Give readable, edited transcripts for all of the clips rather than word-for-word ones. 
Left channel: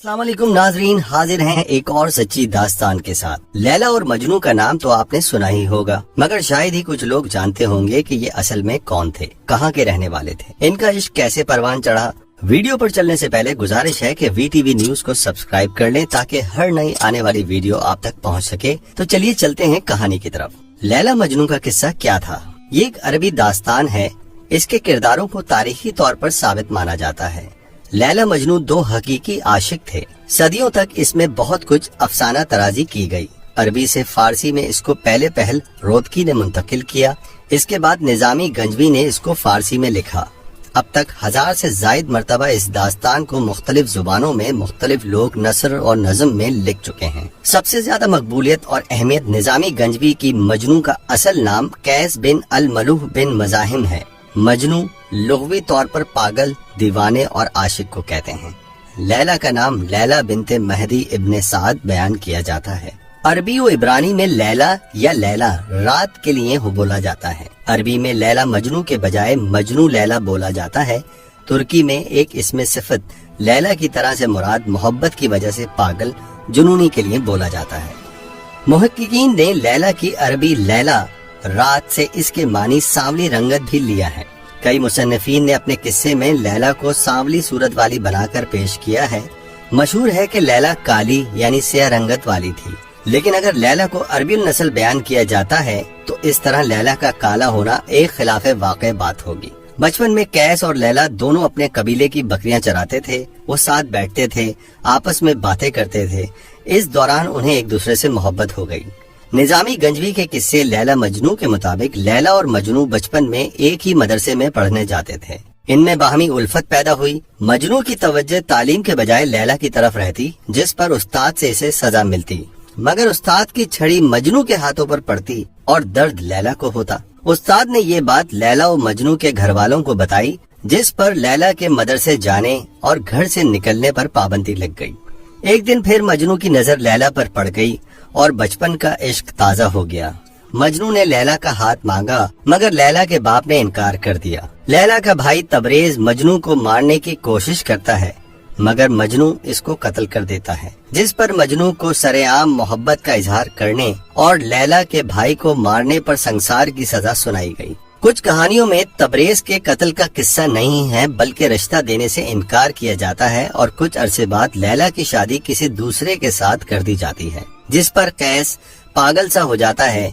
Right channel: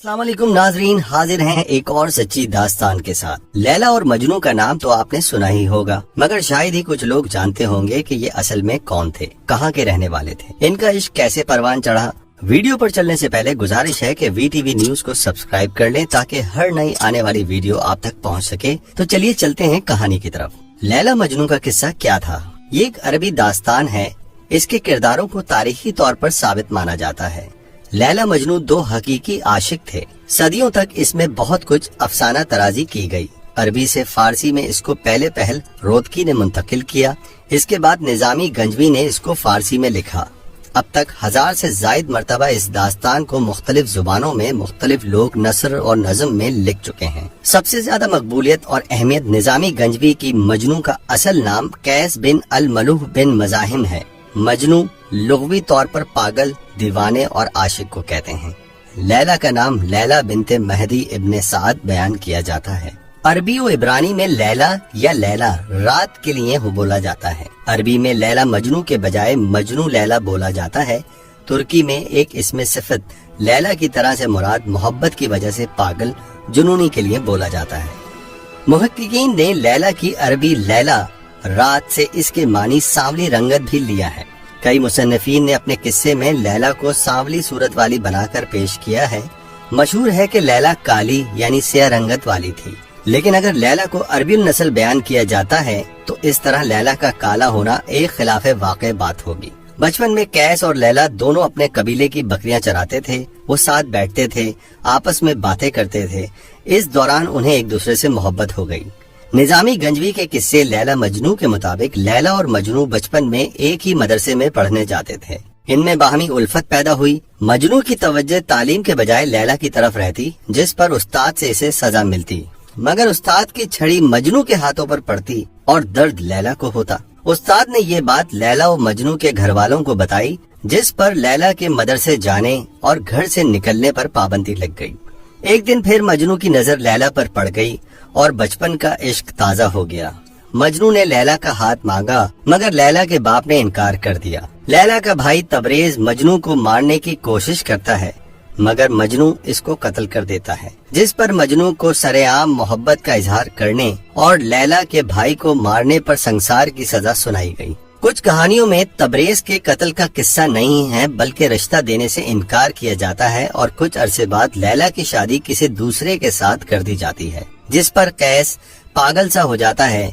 अस्सलाम वालेकुम नाजरीन, हाजिर हैं एक और सच्ची दास्तान के साथ। लैला और मजनू का नाम तो आपने सुना ही होगा, मगर शायद ही कुछ लोग जानते होंगे कि ये असल में कौन थे, कहाँ के रहने वाले थे, इनका इश्क कैसे परवान चढ़ा। वीडियो पर चलने से पहले गुजारिश है कि VTV न्यूज को सब्सक्राइब कर लें ताकि हर नई आने वाली वीडियो आप तक पहुँच सके। तो चलिए चलते हैं कहानी की तरफ। लैला मजनू का किस्सा क्या था? ये एक अरबी दास्तान है। इसके किरदारों को तारीखी तौर पर साबित माना जाता है। लैला मजनू दो हकीकी आशिक थे। सदियों तक इसमें बहुत कुछ अफसाना तराजी की गई। अरबी से फारसी में इसको पहले पहल रोदकी ने मुंतकिल किया, इसके बाद निजामी गंजवी ने इसको फारसी में लिखा। अब तक 1000 से जायद मर्तबा इस दास्तान को मुख्तलिफ जुबानों में मुख्तलिफ लोग नसर और नज़म में लिख चुके हैं। सबसे ज्यादा मकबूलियत और अहमियत निजामी गंजवी की मजनू का असल नाम कैस बिन अल मलूह बिन मजाहिम है। मजनू लुग़वी तौर पर पागल, दीवाने और आशिक को कहते हैं। लैला का नाम लैला बिनते महदी इब्ने साद बयान किया जाता है। अरबी व इब्रानी में लैला या लैला रात के लिए हो बोला जाता है। अरबी में लैला मजनू के बजाय मजनू लैला बोला जाता है। तुर्की में एक इसमें सिफत लैला की तरह से मुराद मोहब्बत की वजह से पागल, जुनूनी के लिए बोला जाता है। मुहक्किकीन ने लैला की अरबी लैला रात से इसके मानी सांवली रंगत भी लिया है। कई मुसन्निफीन ने अपने किस्से में लैला को सांवली सूरत वाली बनाकर पेश किया है। मशहूर है कि लैला काली यानी स्या रंगत वाली थी, लेकिन अगर लैला को अरबी नस्ल बयान किया जाता है तो इस तरह लैला का काला होना एक खिलाफे वाक़ई बात होगी। बचपन में कैस और लैला दोनों अपने कबीले की बकरियां चराते थे। वो साथ बैठते थे, आपस में बातें करते थे। इस दौरान उन्हें एक दूसरे से मोहब्बत हो गई। निजामी गंजवी के किस्से लैला मजनू के मुताबिक लैला और मजनू बचपन में एक ही मदरसे में पढ़ने जाते थे। इनमें बाहमी उल्फत पैदा हुई। मजनू की तवज्जो तालीम के बजाय लैला की तरफ रहती, जिस पर उस्ताद से इसे सजा मिलती, मगर उस्ताद की छड़ी मजनू के हाथों पर पड़ती और दर्द लैला को होता। उस्ताद ने ये बात लैला और मजनू के घर वालों को बताई, जिस पर लैला के मदरसे जाने और घर से निकलने पर पाबंदी लग गई। एक दिन फिर मजनू की नजर लैला पर पड़ गई और बचपन का इश्क ताजा हो गया। मजनू ने लैला का हाथ मांगा, मगर लैला के बाप ने इनकार कर दिया। लैला का भाई तबरेज मजनू को मारने की कोशिश करता है, मगर मजनू इसको कत्ल कर देता है, जिस पर मजनू को सरेआम मोहब्बत का इजहार करने और लैला के भाई को मारने पर संसार की सजा सुनाई गई। कुछ कहानियों में तबरेज के कत्ल का किस्सा नहीं है, बल्कि रिश्ता देने से इनकार किया जाता है और कुछ अरसे बाद लैला की शादी किसी दूसरे के साथ कर दी जाती है, जिस पर कैस पागल सा हो जाता है।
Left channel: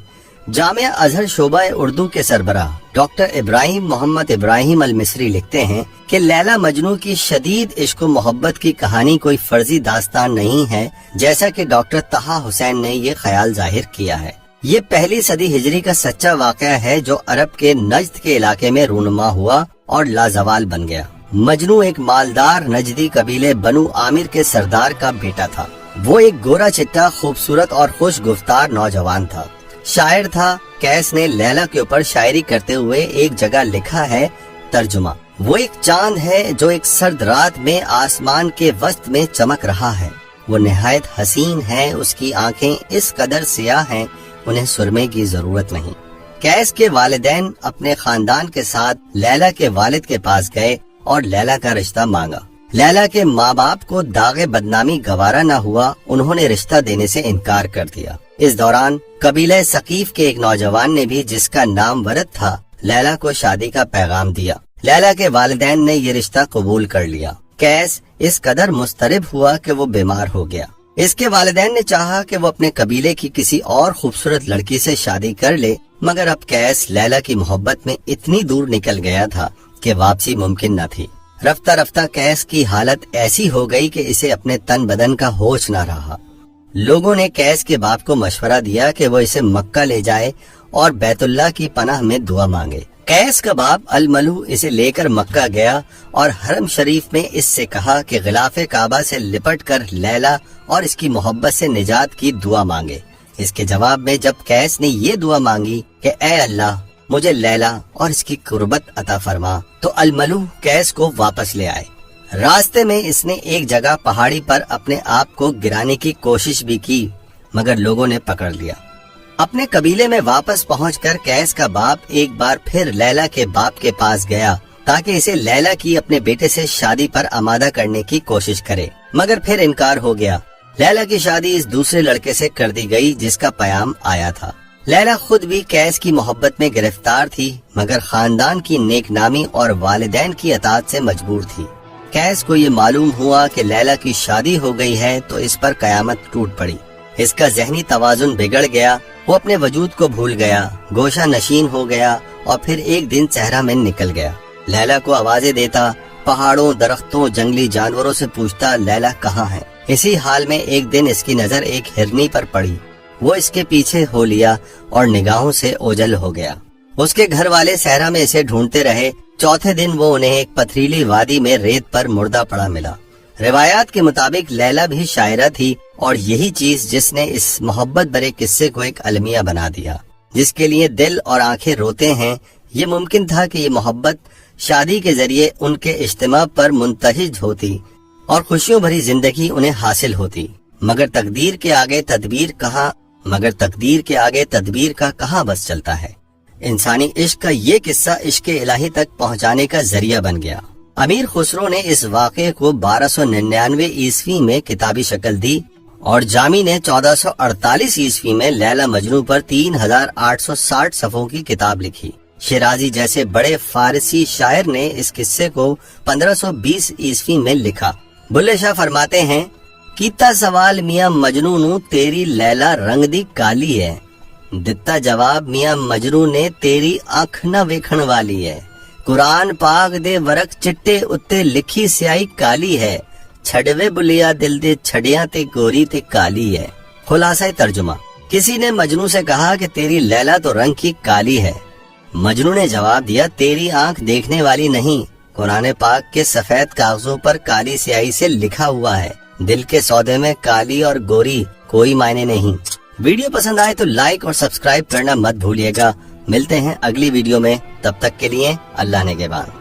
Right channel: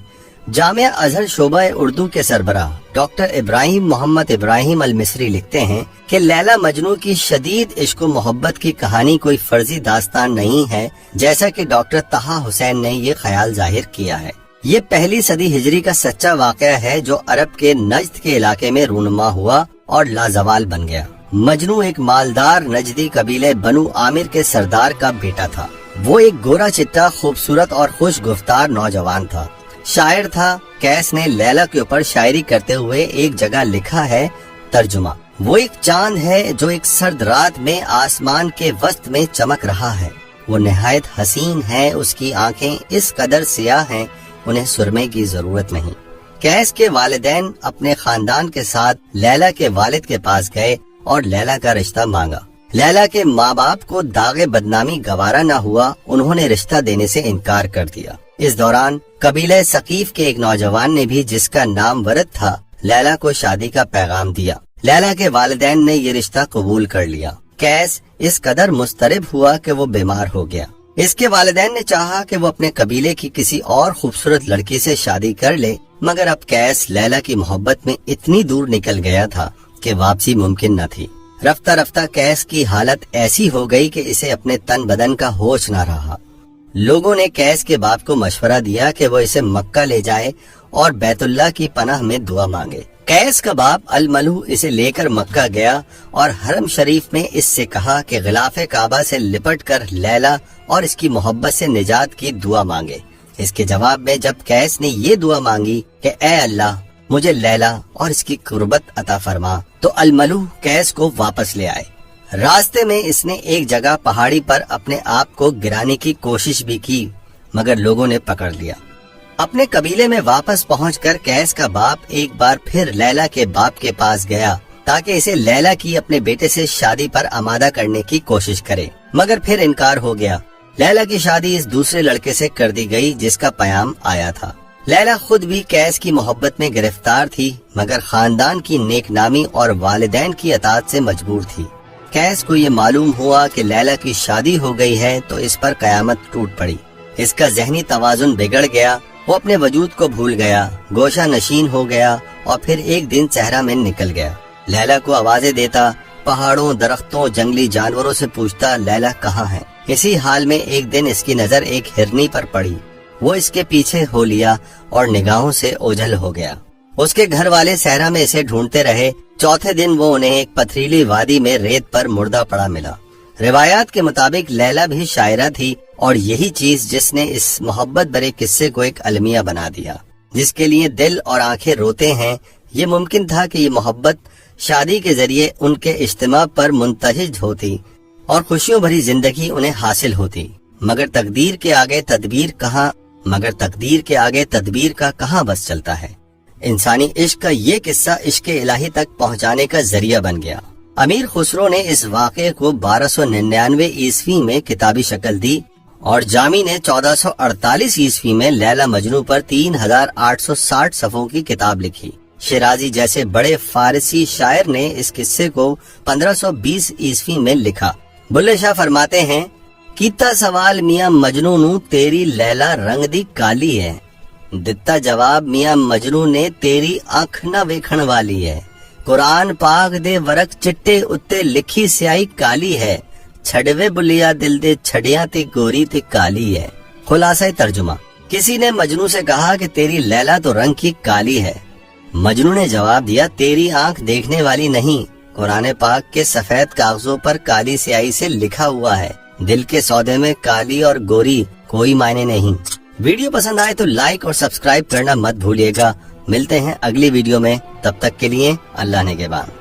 जामिया अजहर शोबा उर्दू के सरबराह डॉक्टर इब्राहिम मोहम्मद इब्राहिम अल मिस्री लिखते हैं कि लैला मजनू की शदीद इश्क मोहब्बत की कहानी कोई फर्जी दास्तान नहीं है, जैसा कि डॉक्टर तहा हुसैन ने ये ख्याल जाहिर किया है। ये पहली सदी हिजरी का सच्चा वाक़या है जो अरब के नज्द के इलाके में रूनुमा हुआ और लाजवाल बन गया। मजनू एक मालदार नजदी कबीले बनु आमिर के सरदार का बेटा था। वो एक गोरा चिट्टा, खूबसूरत और खुश गुफ्तार नौजवान था। शायर था। कैस ने लैला के ऊपर शायरी करते हुए एक जगह लिखा है तर्जुमा। वो एक चांद है जो एक सर्द रात में आसमान के वस्त में चमक रहा है। वो निहायत हसीन है, उसकी आंखें इस कदर सियाह हैं, उन्हें सुरमे की जरूरत नहीं। कैस के वालिदैन अपने खानदान के साथ लैला के वालिद के पास गए और लैला का रिश्ता मांगा। लैला के माँ बाप को दागे बदनामी गवारा न हुआ, उन्होंने रिश्ता देने से इनकार कर दिया। इस दौरान कबीले सकीफ के एक नौजवान ने भी, जिसका नाम वरद था, लैला को शादी का पैगाम दिया। लैला के वालिदैन ने ये रिश्ता कबूल कर लिया। कैस इस कदर मुस्तरिब हुआ कि वो बीमार हो गया। इसके वालिदैन ने चाहा कि वो अपने कबीले की किसी और खूबसूरत लड़की से शादी कर ले, मगर अब कैस लैला की मोहब्बत में इतनी दूर निकल गया था कि वापसी मुमकिन न थी। रफ्ता रफ्ता कैस की हालत ऐसी हो गई कि इसे अपने तन बदन का होश न रहा। लोगों ने कैस के बाप को मशवरा दिया कि वो इसे मक्का ले जाए और बैतुल्लाह की पनाह में दुआ मांगे। कैस का बाप अल मलू इसे लेकर मक्का गया और हरम शरीफ में इससे कहा कि गिलाफे काबा से लिपट कर लैला और इसकी मोहब्बत से निजात की दुआ मांगे। इसके जवाब में जब कैस ने ये दुआ मांगी कि ए अल्लाह, मुझे लैला और इसकी कुर्बत अता फरमा, तो अल मलू कैस को वापस ले आए। रास्ते में इसने एक जगह पहाड़ी पर अपने आप को गिराने की कोशिश भी की, मगर लोगों ने पकड़ लिया। अपने कबीले में वापस पहुंचकर कैस का बाप एक बार फिर लैला के बाप के पास गया ताकि इसे लैला की अपने बेटे से शादी पर आमादा करने की कोशिश करे, मगर फिर इनकार हो गया। लैला की शादी इस दूसरे लड़के से कर दी गई जिसका पयाम आया था। लैला खुद भी कैस की मोहब्बत में गिरफ्तार थी, मगर खानदान की नेकनामी और वालिदैन की अताअत से मजबूर थी। कैस को ये मालूम हुआ कि लैला की शादी हो गई है तो इस पर कयामत टूट पड़ी। इसका ज़हनी तवाजुन बिगड़ गया, वो अपने वजूद को भूल गया, गोशा नशीन हो गया और फिर एक दिन सहरा में निकल गया। लैला को आवाजें देता, पहाड़ों, दरख्तों, जंगली जानवरों से पूछता लैला कहाँ है। इसी हाल में एक दिन इसकी नजर एक हिरनी पर पड़ी। वो इसके पीछे हो लिया और निगाहों से ओझल हो गया। उसके घर वाले सहरा में इसे ढूंढते रहे। चौथे दिन वो उन्हें एक पथरीली वादी में रेत पर मुर्दा पड़ा मिला। रिवायात के मुताबिक लैला भी शायरा थी और यही चीज जिसने इस मोहब्बत भरे किस्से को एक अलमिया बना दिया, जिसके लिए दिल और आंखें रोते हैं। ये मुमकिन था कि ये मोहब्बत शादी के जरिए उनके इज्तिमा पर मुंतहिज होती और खुशियों भरी जिंदगी उन्हें हासिल होती, मगर तकदीर के आगे तदबीर का कहाँ बस चलता है। इंसानी इश्क का ये किस्सा इश्क इलाही तक पहुँचाने का जरिया बन गया। अमीर खुसरो ने इस वाक़े को 1299 ईस्वी में किताबी शक्ल दी और जामी ने 1448 ईस्वी में लैला मजनू पर 3860 सफ़ों की किताब लिखी। शिराजी जैसे बड़े फारसी शायर ने इस किस्से को 1520 ईस्वी में लिखा। बुल्ले शाह फरमाते हैं, कीता सवाल मियां मजनू नू तेरी लैला रंग दी काली है, दिता जवाब मियां मजनू ने तेरी आंख ना वेखण वाली है। कुरान पाक दे वरक चिट्टे उत्ते लिखी स्याही काली है, छड़वे बुलिया दिल दे छड़िया ते गोरी ते काली है। खुलासा तर्जुमा, किसी ने मजनू से कहा कि तेरी लैला तो रंग की काली है। मजनू ने जवाब दिया, तेरी आंख देखने वाली नहीं, कुरान पाक के सफेद कागजों पर काली स्याही से लिखा हुआ है। दिल के सौदे में काली और गोरी कोई मायने नहीं। वीडियो पसंद आए तो लाइक और सब्सक्राइब करना मत भूलिएगा। मिलते हैं अगली वीडियो में, तब तक के लिए अल्लाह ने के बाद।